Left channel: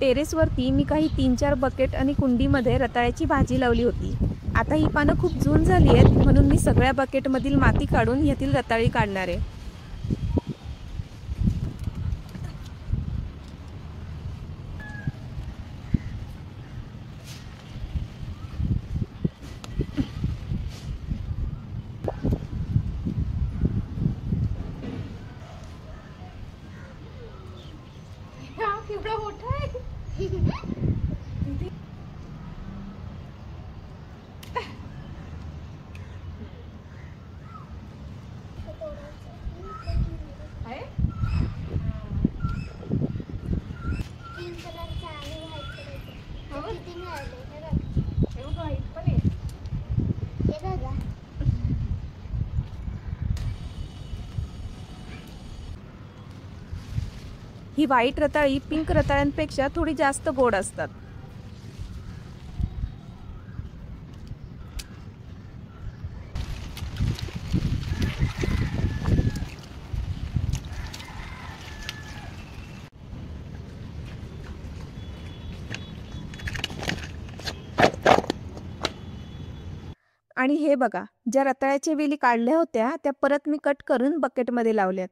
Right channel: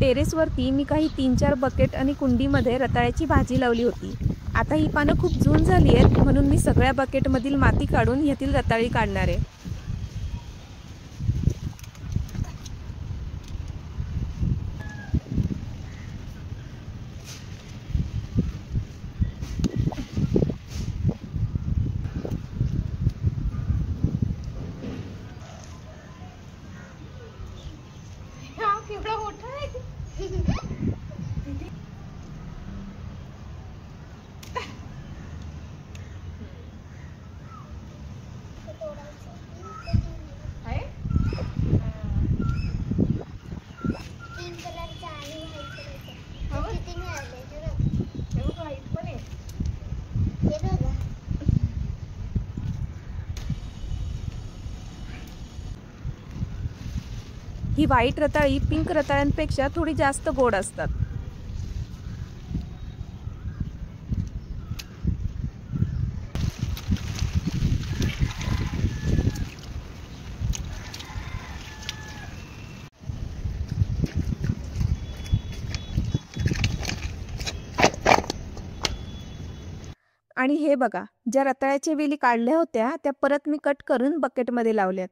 टेरेसवरती मी काही 3-4 बकेट आणि कुंडीमध्ये रताळ्याची भाजी लावली होती. आता ही पानं खूप जून झाली आहेत, म्हणून मी सगळ्या बकेटमधील माती काढून ह्यातील रताळी काढणार आहे. केवढा मोठा आहे. ही व्हाईट रताळी पिंक रताळ्यांपेक्षा थोडी जास्त गोड असतात. आणि हे बघा, ज्या रताळ्याच्या वेली काढल्या होत्या त्या परत मी कट करून बकेटमध्ये लावल्यात.